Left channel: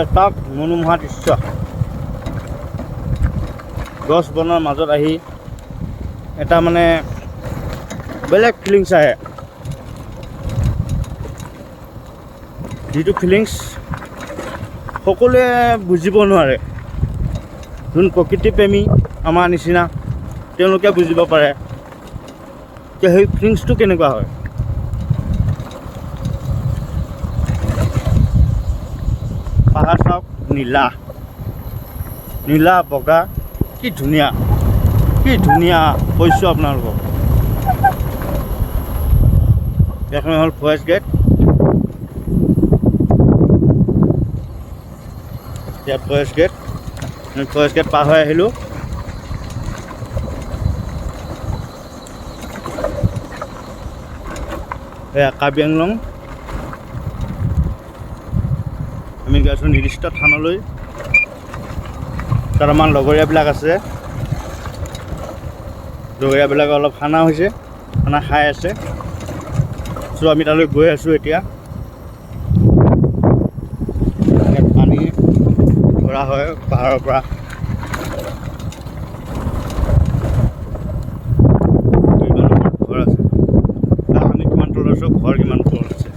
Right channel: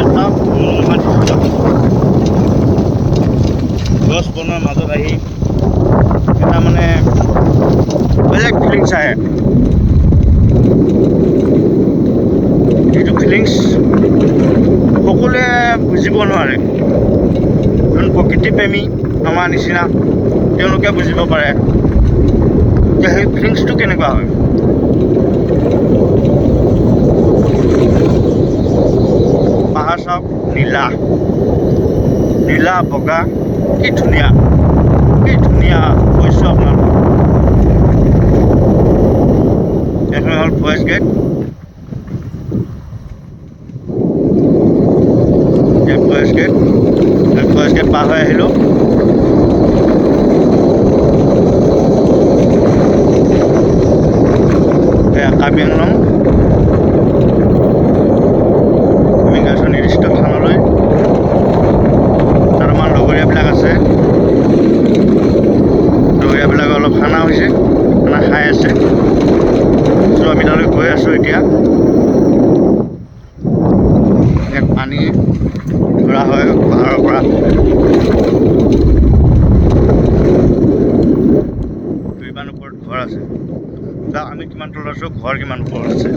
এটা মনোমোহা দৃশ্য গছ বনৰ মাজত আহি এটা মানে বেলেগ ফিলিংছ আহে যিটো ফিলিংছ সকলোৱে বুজিব নোৱাৰে যোন প্ৰকৃতিপ্ৰেমী আমাৰ নিচিনা তেওঁলোকে বুজিব পাৰে যে সেই ফিলিংছটো কেনেকুৱা হয় পাহাৰ চাওক নীলা নীলা বগা কি ধুনীয়া কৈছোঁ আপোনালোকক এখন হ'ল ফৰেষ্ট গেট ইয়াত ফৰেষ্ট গেট পাৰ হৈ আহিলোঁ এয়া কাৰ্বি আংলং আমি গৈছোঁ নিৰ্দিষ্ট স্থানলৈ তাত আমাৰ লগৰীয়াবিলাক আছে লগৰীয়াবিলাকে অলপ খানা হৈছে খানা খাই আছে চ' আমি তালৈ গৈ আছোঁ এতিয়া ইয়াত পানী ধৰা হয় পাহাৰৰ পৰা ইমান ওপৰত ঘৰ আছে আমি কিমান তলত আছোঁ ঘৰ কিমান ওপৰত আছে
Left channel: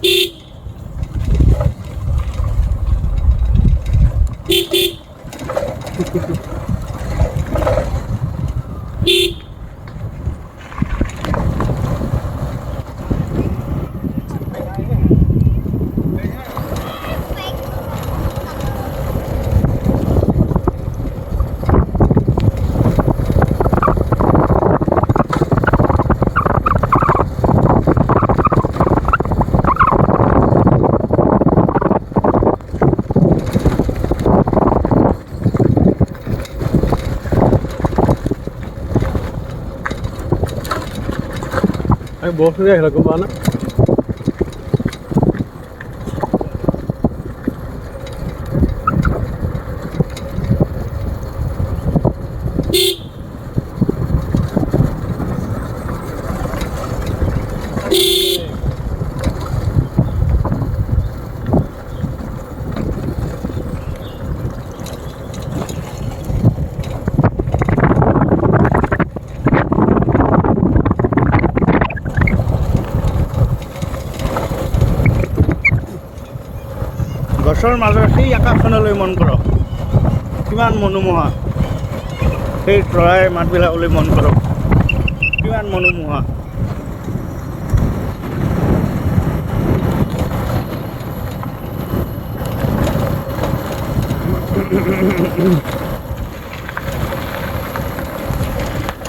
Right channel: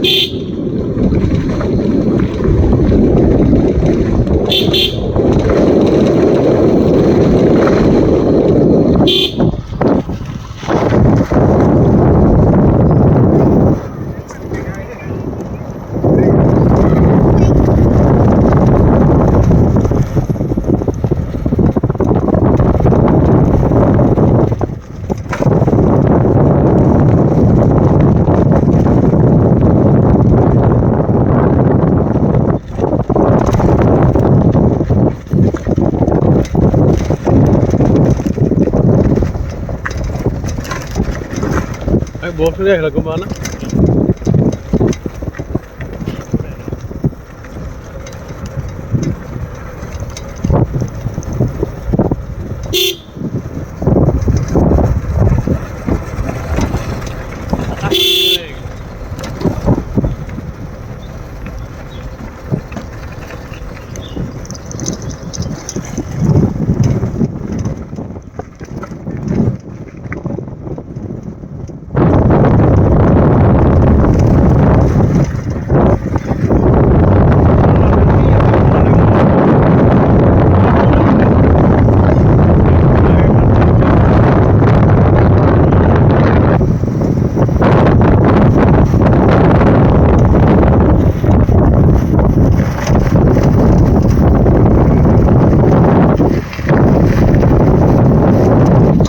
বৰফ আহিলে গম পোৱা না